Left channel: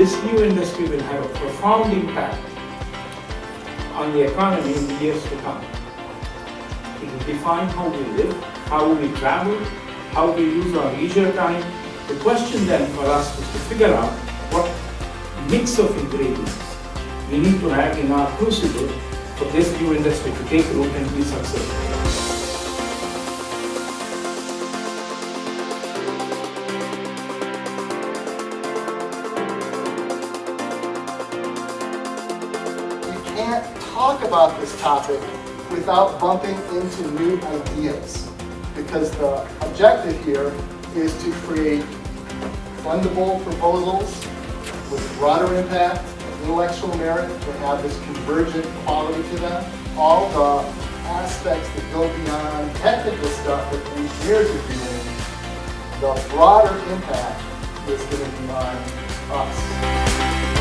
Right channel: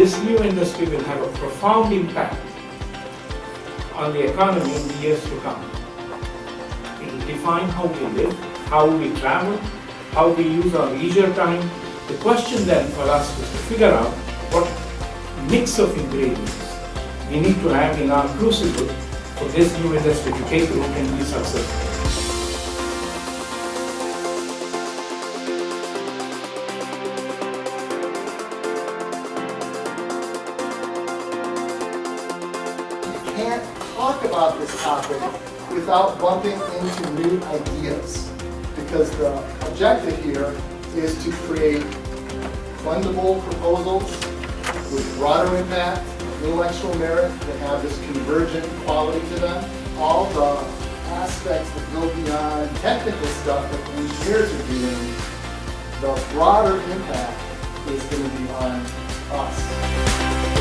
this new industry will have a profound impact on the economy in the years to come. It will define how we live, how we travel, how we use our leisure time. The question then for us is to figure out what mix of ingredients we need to have in our crucible for this new industry to take root and be successful. You can't talk about this topic without bumping into new ideas, because the objective here is to create fundable proposals with broader impact, intellectual merit, that have this convergent quality to them. All the aspects that go beyond technical stuff that the engineers are doing, the broader impact is going to be on us.